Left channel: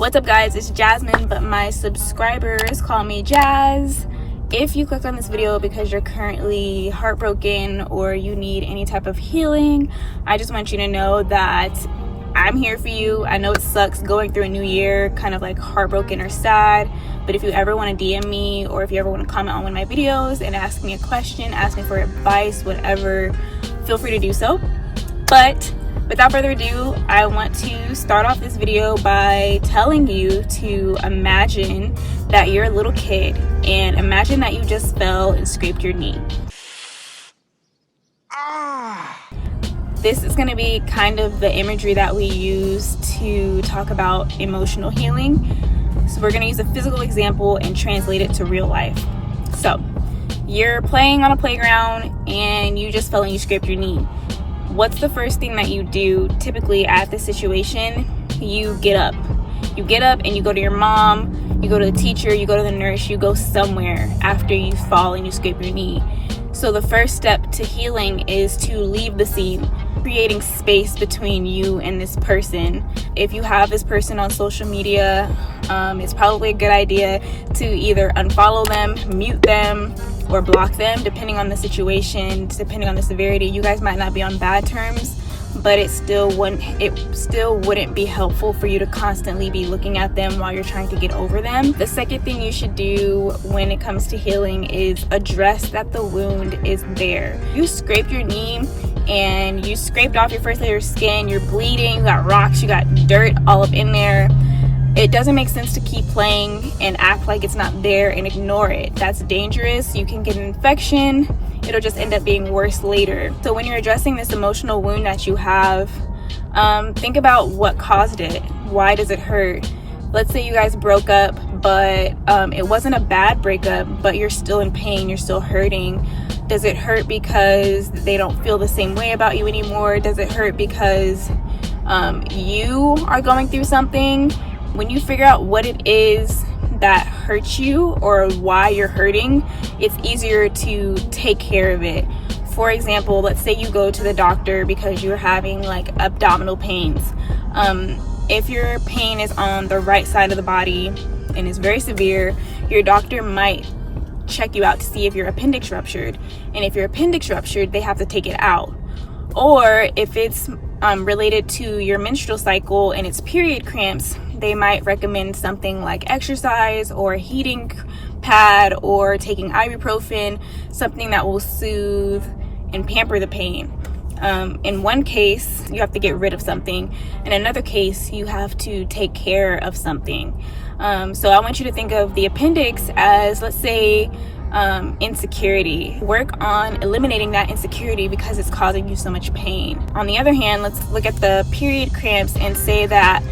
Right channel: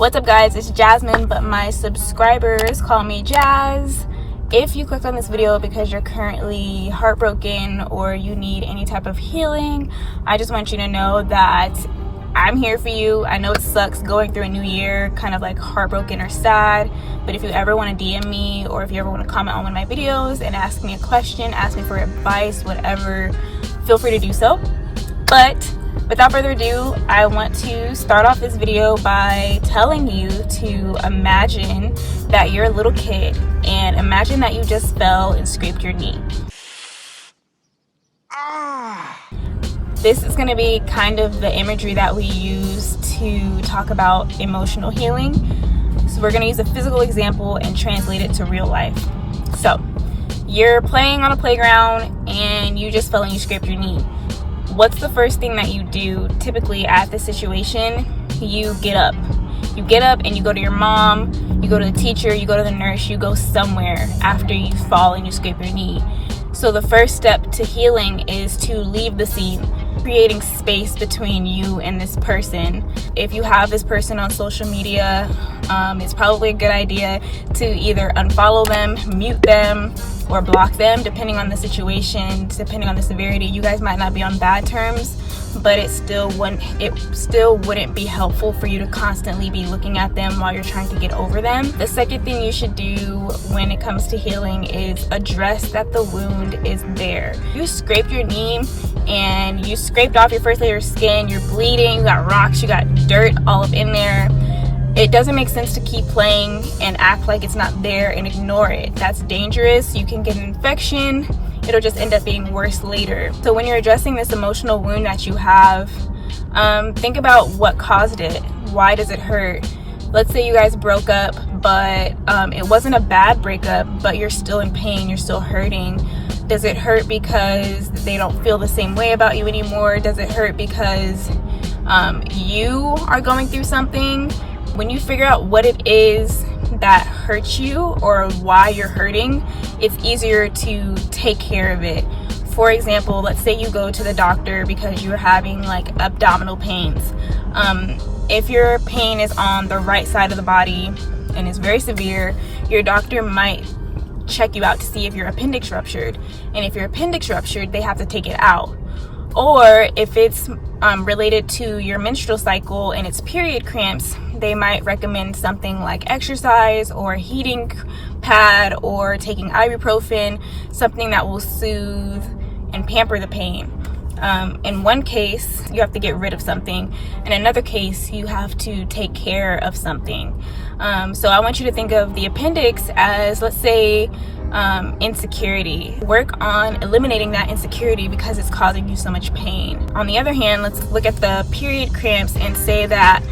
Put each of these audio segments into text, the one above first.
What's up, guys? It's Jasmine, but my subscribers call me Jazz. If you clicked on this video because you're currently heartbroken or you need any type of healing, I just want you to know that I'm here for you. I know it sucks going through a new year, kind of like heartbroken or sad, but if you ever want to DM me or if you ever want to comment on one of my videos and ask me a question, ask me for advice, whatever, feel free to do so. But without further ado, I want to start off this video by telling you to imagine that you're a little kid and imagine that you just fell and scraped your knee. This is going to be kind of the imagery that we use to talk about emotional healing. So we're going to use a physical example and translate it to real life. So you're playing on a playground and you just fell and you scraped your knee. What's the first thing that you do typically at this situation? You get up. You get up and you go to your mom, you go to the teacher, you go to the nurse, you go somewhere after you fall and you scrape your knee. So the first step to healing is to leave the scene, creating space between you and this person. If you have this person on social media, it's probably a good idea to either unfollow them, mute them, or block them, depending on the situation, depending on the severity. You guys might not be on bad terms, but it still wouldn't be helpful for you to constantly be looking at them while you're trying to get over them. The second thing you should do when it comes to healing is address that the wound is there. You scraped your knee and you scraped off your first layer of skin, you're bleeding, you got rocks, you got dirt all up in there. It doesn't make sense to keep playing and act like it's not there and ignore it. That's dangerous. You can get an infection. It'll just end up being worse later. So when you're addressing this emotional wound that you have, think about what caused it. Why does it hurt? Let's say you guys broke up, but it wasn't a bad breakup, but you're still in pain, you're still hurting. Does it hurt because they don't feel the same way about you anymore? Does it hurt because you are going through something? When you figure out what it is that hurts you or why you're hurting, it's easier to take care of it. For example, let's say you go to the doctor because you're having like abdominal pains. If your pain is on the right side of the body and is very severe, your doctor might check you out to see if your appendix ruptured. And if your appendix ruptured, they have to take it out. Or if it's related to your menstrual cycle and it's period cramps, they might recommend something like exercise or a heating pad or taking ibuprofen, something that will soothe and pamper the pain. In one case, you have to get rid of something. In another case, you have to take care of something. So I want you to think of the appendix as, let's say, insecurity. Work on eliminating that insecurity because it's causing you so much pain. On the other hand, let's look at the period cramps and say that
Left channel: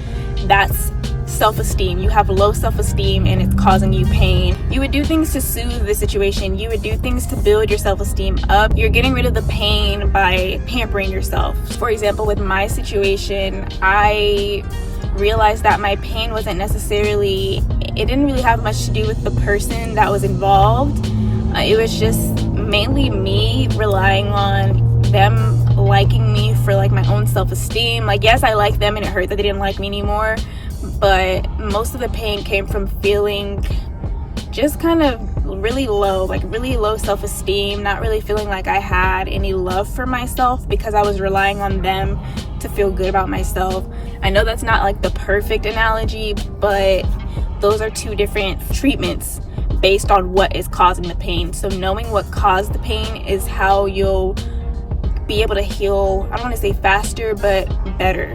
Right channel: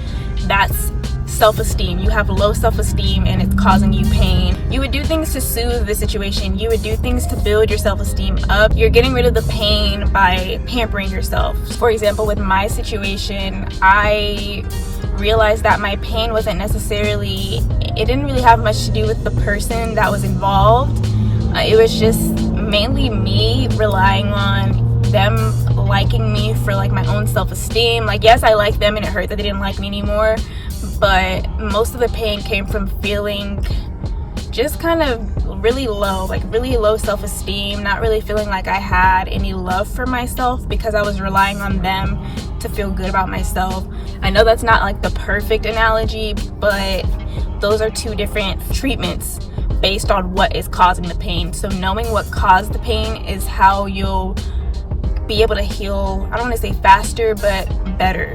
that's self-esteem. You have low self-esteem and it's causing you pain. You would do things to soothe the situation. You would do things to build your self-esteem up. You're getting rid of the pain by pampering yourself. For example, with my situation, I realized that my pain wasn't necessarily, it didn't really have much to do with the person that was involved. It was just mainly me relying on them liking me for like my own self-esteem. Like, yes, I like them and it hurt that they didn't like me anymore, but most of the pain came from feeling just kind of really low self-esteem, not really feeling like I had any love for myself because I was relying on them to feel good about myself. I know that's not like the perfect analogy, but those are two different treatments based on what is causing the pain. So knowing what caused the pain is how you'll be able to heal, I don't want to say faster, but better.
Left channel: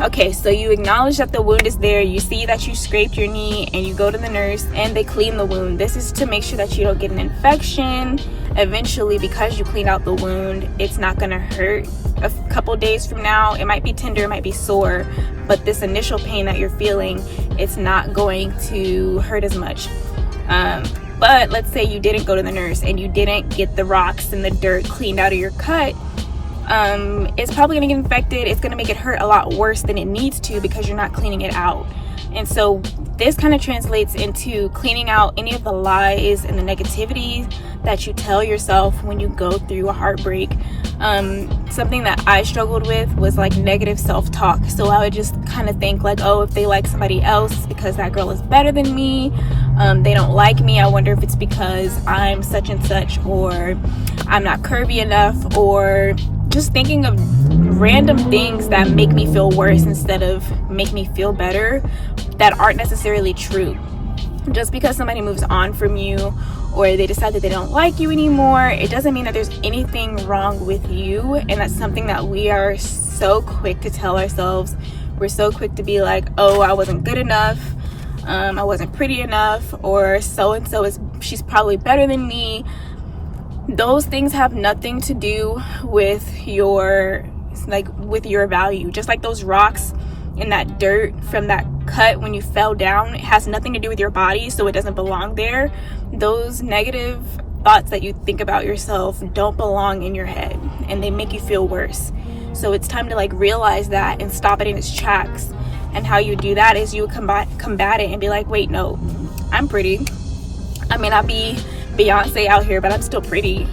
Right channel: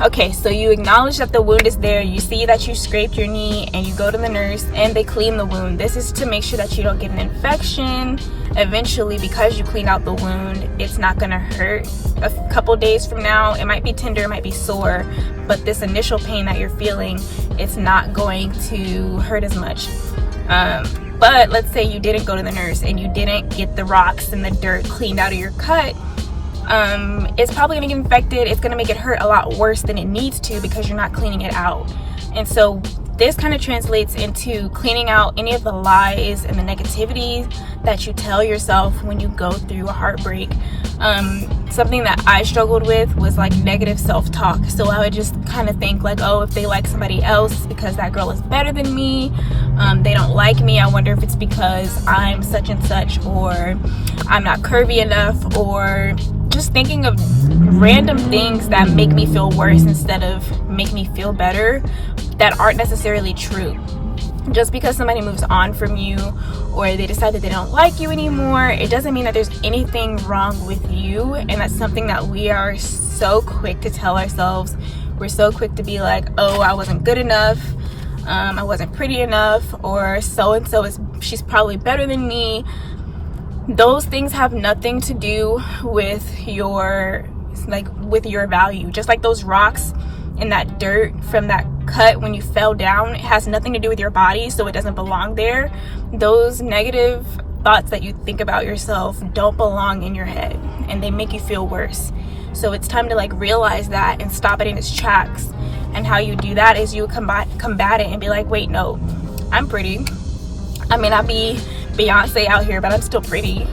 Okay, so you acknowledge that the wound is there, you see that you scraped your knee, and you go to the nurse and they clean the wound. This is to make sure that you don't get an infection. Eventually, because you clean out the wound, it's not going to hurt. A couple days from now, it might be tender, it might be sore, but this initial pain that you're feeling, it's not going to hurt as much. But let's say you didn't go to the nurse and you didn't get the rocks and the dirt cleaned out of your cut. It's probably going to get infected. It's going to make it hurt a lot worse than it needs to because you're not cleaning it out. And so this kind of translates into cleaning out any of the lies and the negativity that you tell yourself when you go through a heartbreak. Something that I struggled with was like negative self-talk. So I would just kind of think like, oh, if they like somebody else because that girl is better than me, they don't like me, I wonder if it's because I'm such and such, or I'm not curvy enough, or just thinking of random things that make me feel worse instead of make me feel better, that aren't necessarily true. Just because somebody moves on from you or they decide that they don't like you anymore, it doesn't mean that there's anything wrong with you. And that's something that we are so quick to tell ourselves. We're so quick to be like, oh, I wasn't good enough, I wasn't pretty enough, or so-and-so she's probably better than me. Those things have nothing to do with your value. Just like those rocks and that dirt from that cut when you fell down, it has nothing to do with your body, so it doesn't belong there. Those negative thoughts that you think about yourself don't belong in your head, and they make you feel worse. So it's time to like realize that and stop it in its tracks. And how you do that is you combat it and be like, wait, no, I'm pretty. I may not be Beyonce out here, but I'm still pretty,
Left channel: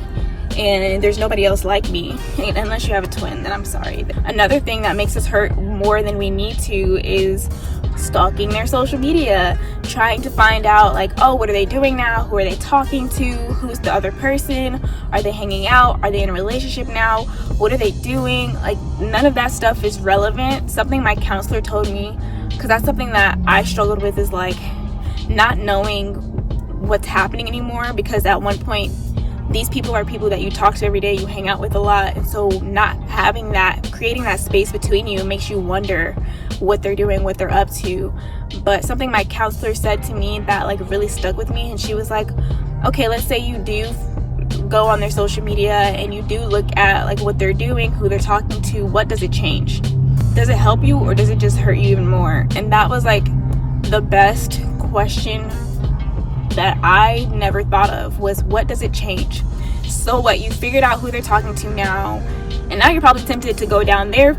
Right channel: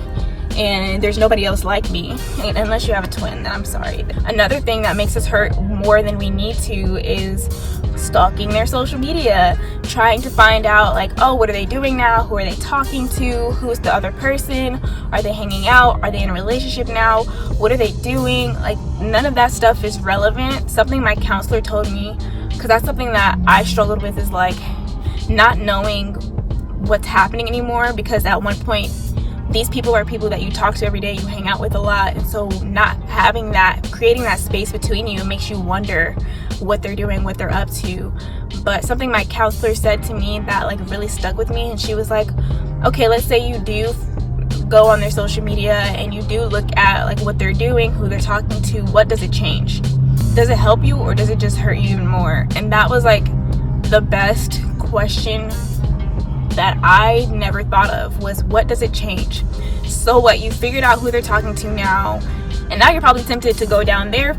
and there's nobody else like me, unless you have a twin, then I'm sorry. Another thing that makes us hurt more than we need to is stalking their social media, trying to find out like, oh, what are they doing now, who are they talking to, who's the other person, are they hanging out, are they in a relationship now, what are they doing? Like, none of that stuff is relevant. Something my counselor told me, because that's something that I struggled with, is like not knowing what's happening anymore, because at one point these people are people that you talk to every day, you hang out with a lot, and so not having that, creating that space between you, makes you wonder what they're doing, what they're up to. But something my counselor said to me that like really stuck with me, and she was like, okay, let's say you do go on their social media and you do look at like what they're doing, who they're talking to, what does it change? Does it help you, or does it just hurt you even more? And that was like the best question that I never thought of, was what does it change? So what, you figured out who they're talking to now, and now you're probably tempted to go down there,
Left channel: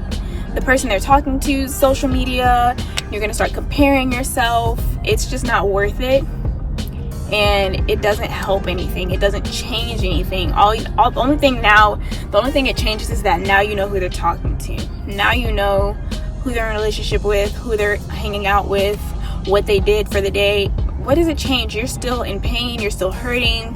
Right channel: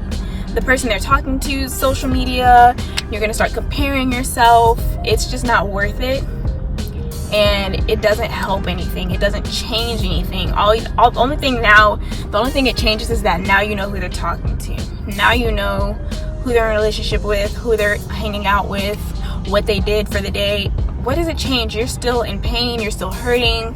the person they're talking to, social media. You're gonna start comparing yourself. It's just not worth it, and it doesn't help anything. It doesn't change anything. The only thing it changes is that now you know who they're talking to. Now you know who they're in a relationship with, who they're hanging out with, what they did for the day. What does it change? You're still in pain, you're still hurting,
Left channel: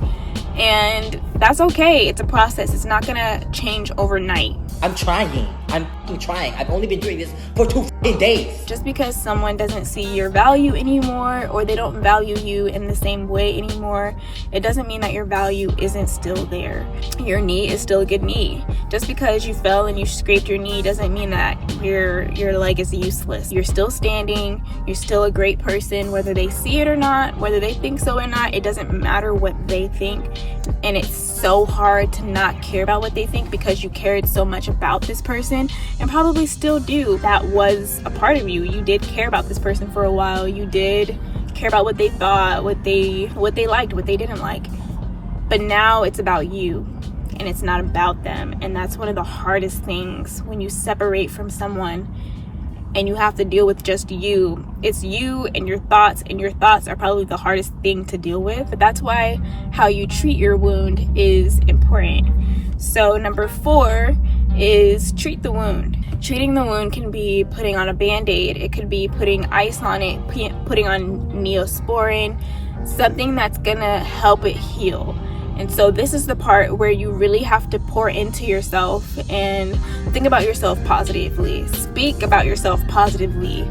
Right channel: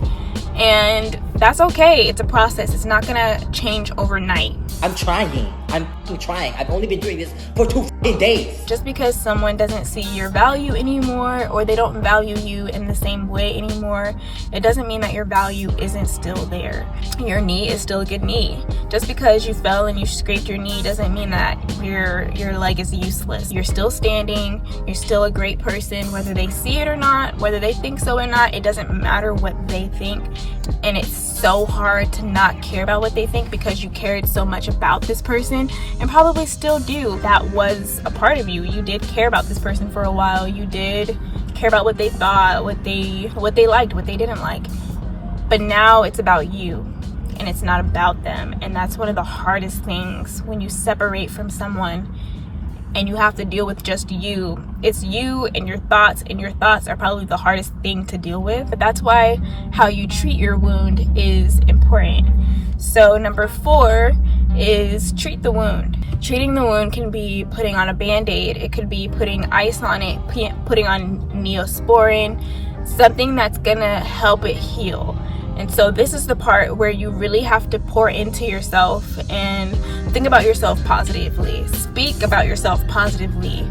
and that's okay. It's a process. It's not gonna change overnight. I'm trying. I've only been doing this for 2 days. Just because someone doesn't see your value anymore, or they don't value you in the same way anymore, it doesn't mean that your value isn't still there. Your knee is still a good knee. Just because you fell and you scraped your knee doesn't mean that your leg is useless. You're still standing. You're still a great person, whether they see it or not, whether they think so or not. It doesn't matter what they think. And it's so hard to not care about what they think, because you cared so much about this person and probably still do. That was a part of you. You did care about this person for a while. You did care about what they thought, what they liked, what they didn't like. But now it's about you, and it's not about them. And that's one of the hardest things when you separate from someone and you have to deal with just you. It's you and your thoughts are probably the hardest thing to deal with. But that's why how you treat your wound is important. So number 4 is treat the wound. Treating the wound can be putting on a Band-Aid. It could be putting ice on it, putting on Neosporin, something that's gonna help it heal. And so this is the part where you really have to pour into yourself and think about yourself positively. Speak about yourself positively.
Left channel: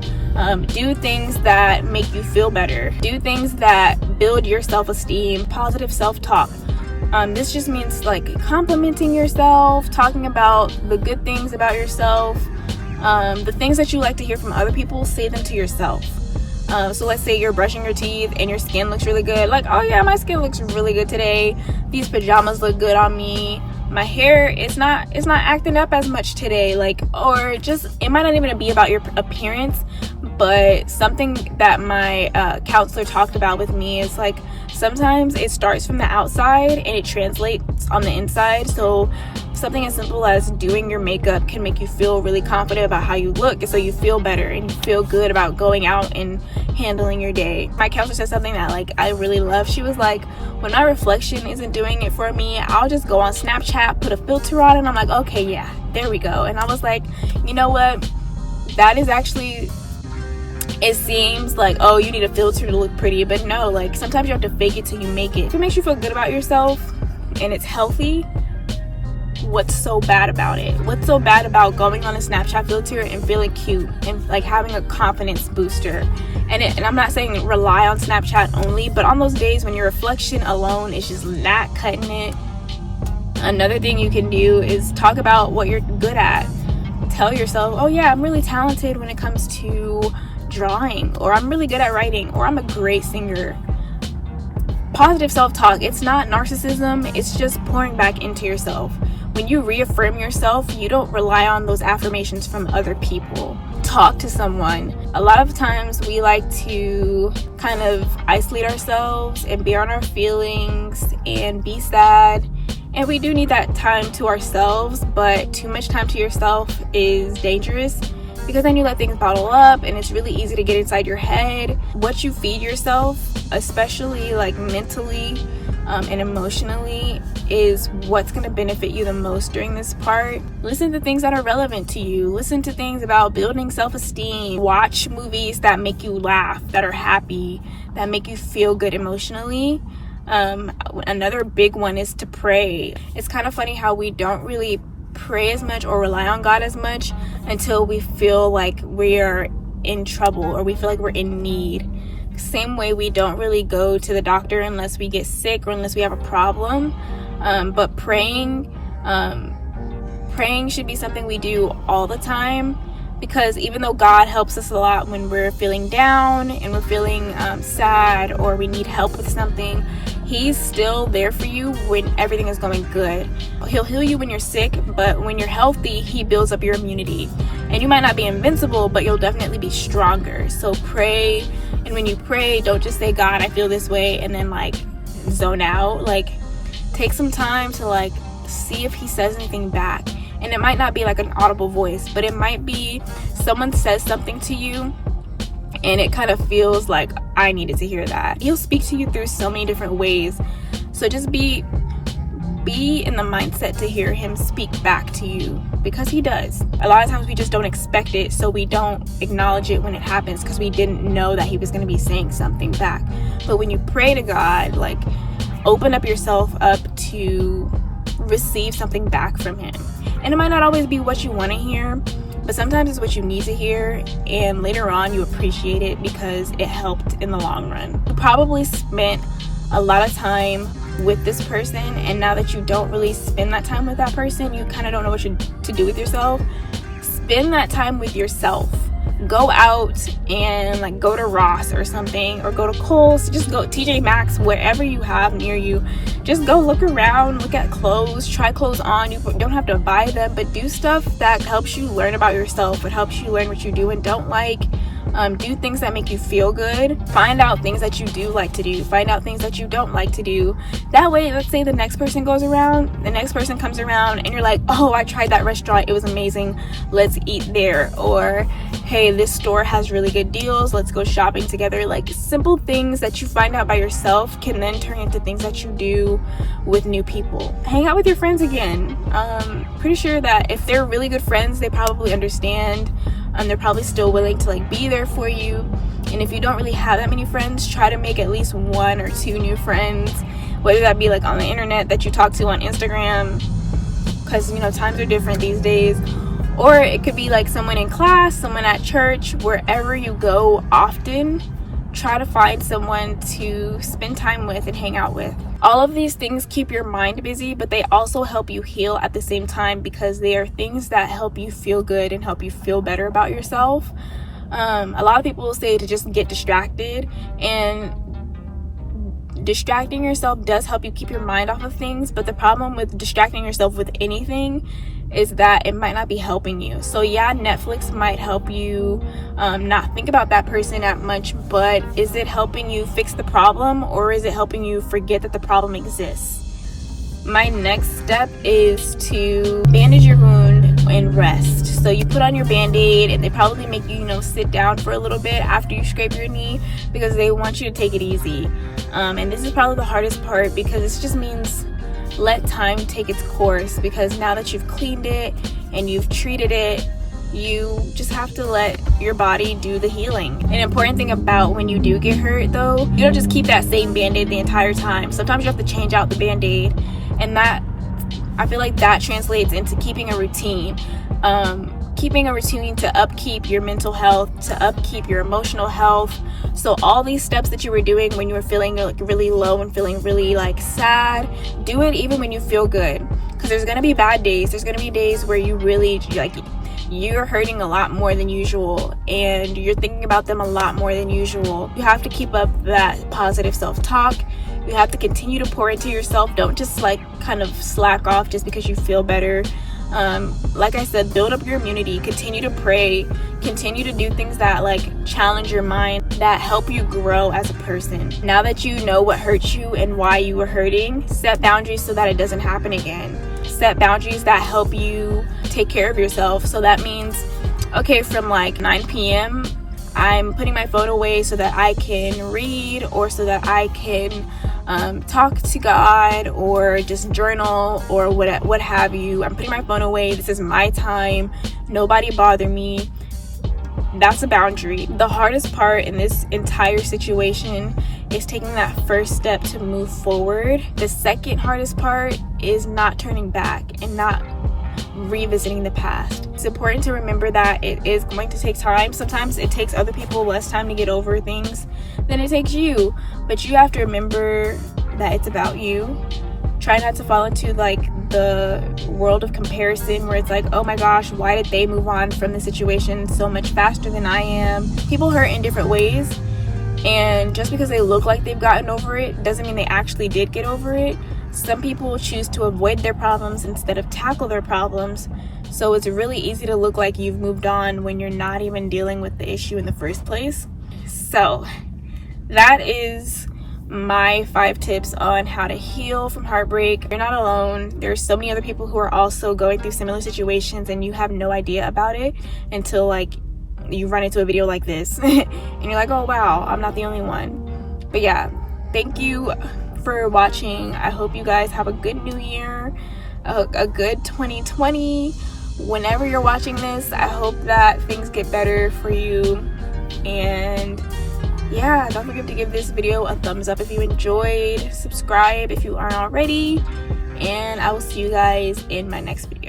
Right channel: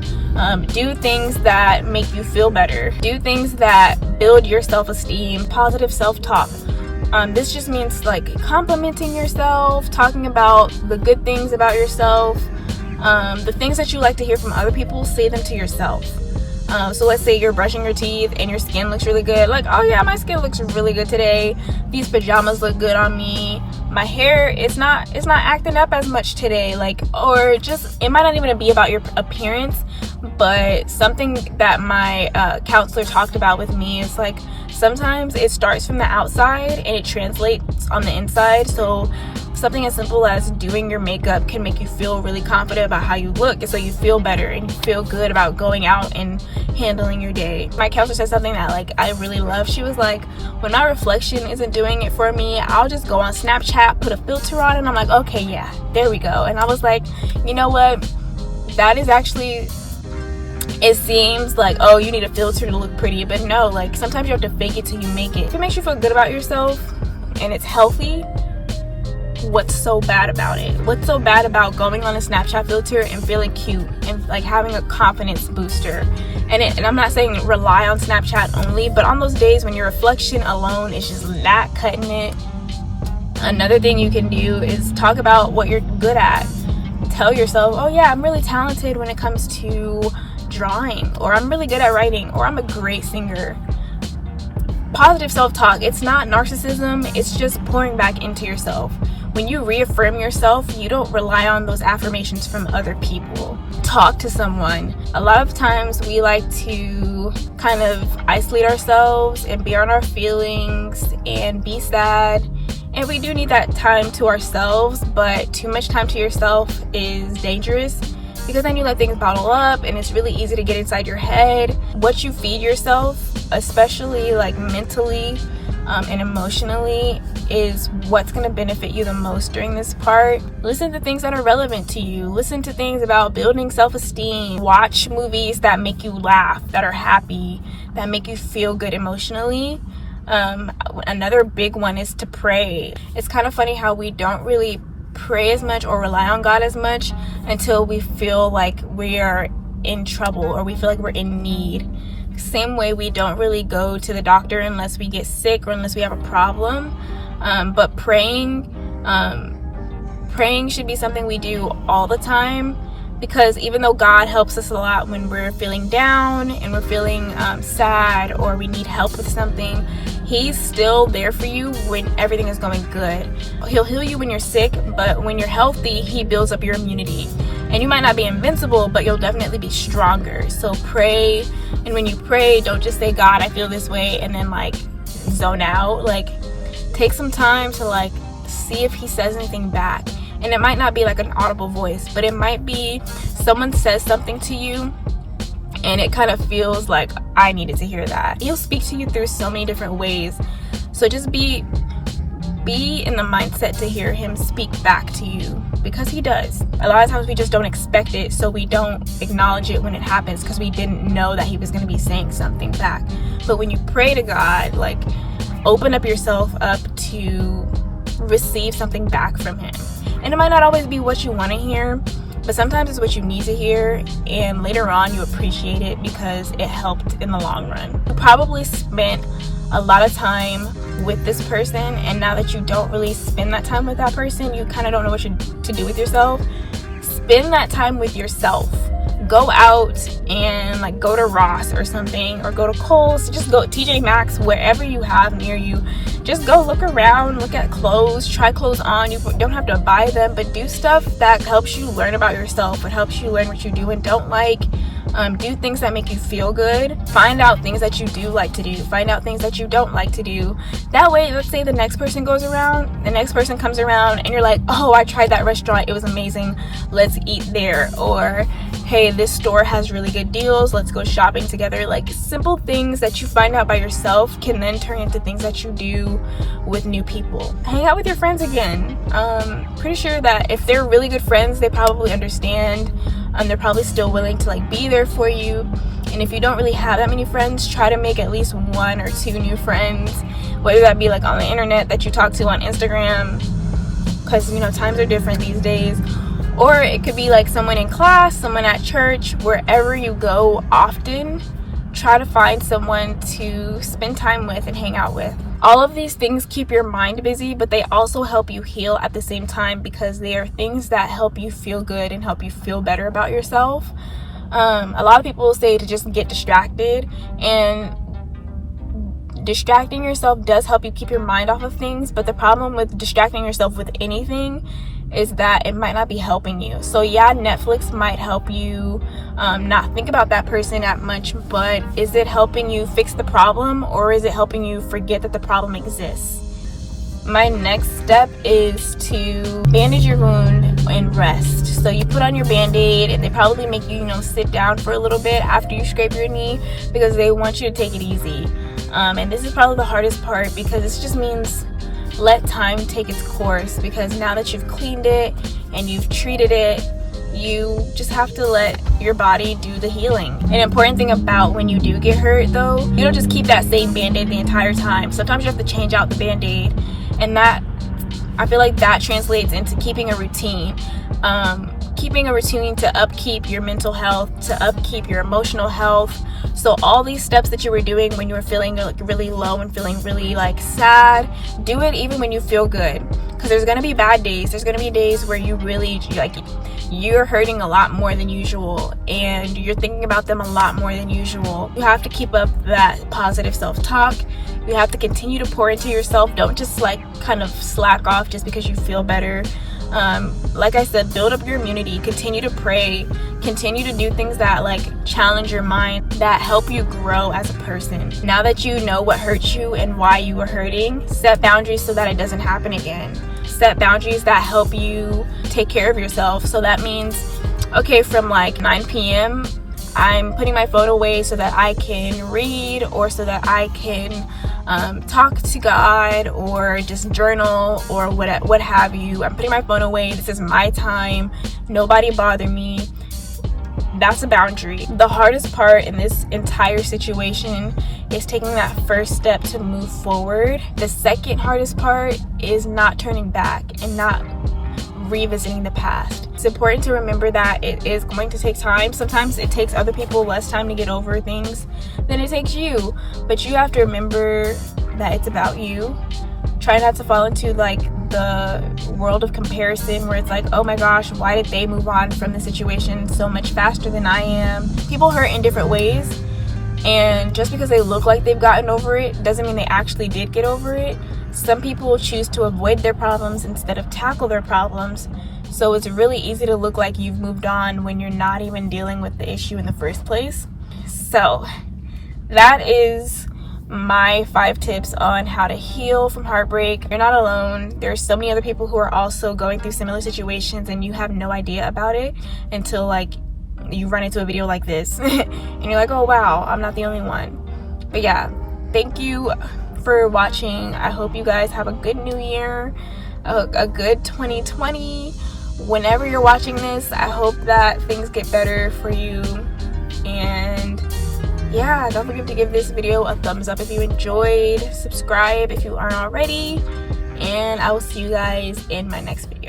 Do things that make you feel better. Do things that build your self-esteem, positive self-talk. This just means like complimenting yourself, talking about the good things about yourself. The things that you like to hear from other people, say them to yourself. So let's say you're brushing your teeth and your skin looks really good. Like, oh yeah, my skin looks really good today. These pajamas look good on me. My hair, it's not acting up as much today. Like, or just, it might not even be about your appearance, But something that my counselor talked about with me is like, sometimes it starts from the outside and it translates on the inside. So something as simple as doing your makeup can make you feel really confident about how you look, and so you feel better and you feel good about going out and handling your day. My counselor said something that like I really love. She was like, when my reflection isn't doing it for me, I'll just go on Snapchat, put a filter on, and I'm like, okay, yeah, there we go. And I was like, you know what, that is actually, it seems like, oh, you need a filter to look pretty, but no, like sometimes you have to fake it till you make it. If it makes you feel good about yourself and it's healthy, what's so bad about it? What's so bad about going on a Snapchat filter and feeling cute and like having a confidence booster? And I'm not saying rely on Snapchat only, but on those days when your reflection alone is just not cutting it, another thing you can do is talk about what you're good at. Tell yourself, oh yeah, I'm really talented when it comes to drawing, or I'm really good at writing, or I'm a great singer. Positive self-talk, it's not narcissism, it's just pouring back into yourself. When you reaffirm yourself, you don't rely on those affirmations from other people. Talk to someone. A lot of times we like to kind of isolate ourselves and be on our feelings and be sad. And we do need that time to ourselves, but too much time to yourself is dangerous, because then you let things bottle up and it's really easy to get inside your head. What you feed yourself, especially like mentally and emotionally, is what's going to benefit you the most during this part. Listen to things that are relevant to you. Listen to things about building self-esteem. Watch movies that make you laugh, that are happy, that make you feel good emotionally. Another big one is to pray. It's kind of funny how we don't really pray as much or rely on God as much until we feel like we are in trouble or we feel like we're in need. Same way we don't really go to the doctor unless we get sick or unless we have a problem. But praying should be something we do all the time, because even though God helps us a lot when we're feeling down and we're feeling sad or we need help with something, He's still there for you when everything is going good. He'll heal you when you're sick, but when you're healthy, He builds up your immunity. And you might not be invincible, but you'll definitely be stronger. So pray, and when you pray, don't just say, God, I feel this way, and then like zone out. Like, take some time to like see if He says anything back. And it might not be like an audible voice, but it might be someone says something to you and it kind of feels like, I needed to hear that. He'll speak to you through so many different ways. So just be in the mindset to hear Him speak back to you, because He does. A lot of times we just don't expect it, so we don't acknowledge it when it happens because we didn't know that He was going to be saying something back. But when you pray to God, like, open up yourself up to receive something back from Him. And it might not always be what you want to hear, but sometimes it's what you need to hear, and later on you appreciate it because it helped in the long run. You probably spent a lot of time with this person, and now that you don't really spend that time with that person, you kind of don't know what to do with yourself. Spend that time with yourself. Go out and like go to Ross or something, or go to Kohl's, just go TJ Maxx, wherever you have near you. Just go look around, look at clothes, try clothes on. You don't have to buy them, but do stuff that helps you learn about yourself. It helps you learn what you do and don't like. Do things that make you feel good. Find out things that you do like to do. Find out things that you don't like to do. That way, let's say the next person comes around and you're like, oh, I tried that restaurant, it was amazing, let's eat there. Or, hey, this store has really good deals, let's go shopping together. Like, simple things that you find out by yourself can then turn into things that you do with new people. Hang out with your friends again. Pretty sure that if they're really good friends, they probably understand, and they're probably still willing to like be there for you. And if you don't really have that many friends, try to make at least 1 or 2 new friends, whether that be like on the internet that you talk to on Instagram, because times are different these days, or it could be like someone in class, someone at church. Wherever you go often, try to find someone to spend time with and hang out with. All of these things keep your mind busy, but they also help you heal at the same time, because they are things that help you feel good and help you feel better about yourself. A lot of people will say to just get distracted, and distracting yourself does help you keep your mind off of things. But the problem with distracting yourself with anything is that it might not be helping you. So yeah, Netflix might help you not think about that person that much, but is it helping you fix the problem, or is it helping you forget that the problem exists? My next step is to bandage your wound and rest. So you put on your band-aid, and they probably make you, sit down for a little bit after you scrape your knee, because they want you to take it easy. And this is probably the hardest part, because this just means let time take its course, because now that you've cleaned it and you've treated it, you just have to let your body do the healing. An important thing about when you do get hurt, though, you don't just keep that same band-aid the entire time. Sometimes you have to change out the band-aid, and that, I feel like that translates into keeping a routine. Keeping a routine to upkeep your mental health, to upkeep your emotional health. So all these steps that you were doing when you were feeling like really low and feeling really like sad, do it even when you feel good. Because there's going to be bad days. There's going to be days where you really, you're hurting a lot more than usual, and you're thinking about them a lot more than usual. You have to keep up that positive self-talk. You have to continue to pour into yourself. Don't just kind of slack off just because you feel better. Like I said, build up your immunity, continue to pray, continue to do things that challenge your mind, that help you grow as a person. Now that you know what hurt you and why you were hurting, set boundaries so that it doesn't happen again. Set boundaries that help you take care of yourself. So that means, okay, from 9 p.m., I'm putting my phone away so that I can read, or so that I can talk to God, or just journal, or what have you. I'm putting my phone away. This is my time. Nobody bother me. That's a boundary. The hardest part in this entire situation is taking that first step to move forward. The second hardest part is not turning back and not revisiting the past. It's important to remember that it is going to take time. Sometimes it takes other people less time to get over things than it takes you, but you have to remember that it's about you. Try not to fall into the world of comparison, where it's oh my gosh, why did they move on from the situation so much faster than I am? People hurt in different ways, and just because they look like they've gotten over it doesn't mean they actually did get over it. Some people choose to avoid their problems instead of tackle their problems. So it's really easy to look like you've moved on when you're not even dealing with the issue in the first place. So that is my 5 tips on how to heal from heartbreak. You're not alone. There's so many other people who are also going through similar situations, and you have no idea about it until you run into a video like this and you're oh wow, I'm not the only one. But yeah, thank you for watching. I hope you guys have a good new year, a good 2020. Whenever you're watching this, I hope that things get better for you. And yeah, don't forget to give this video a thumbs up if you enjoyed, subscribe if you aren't already, and I will see you guys in my next video.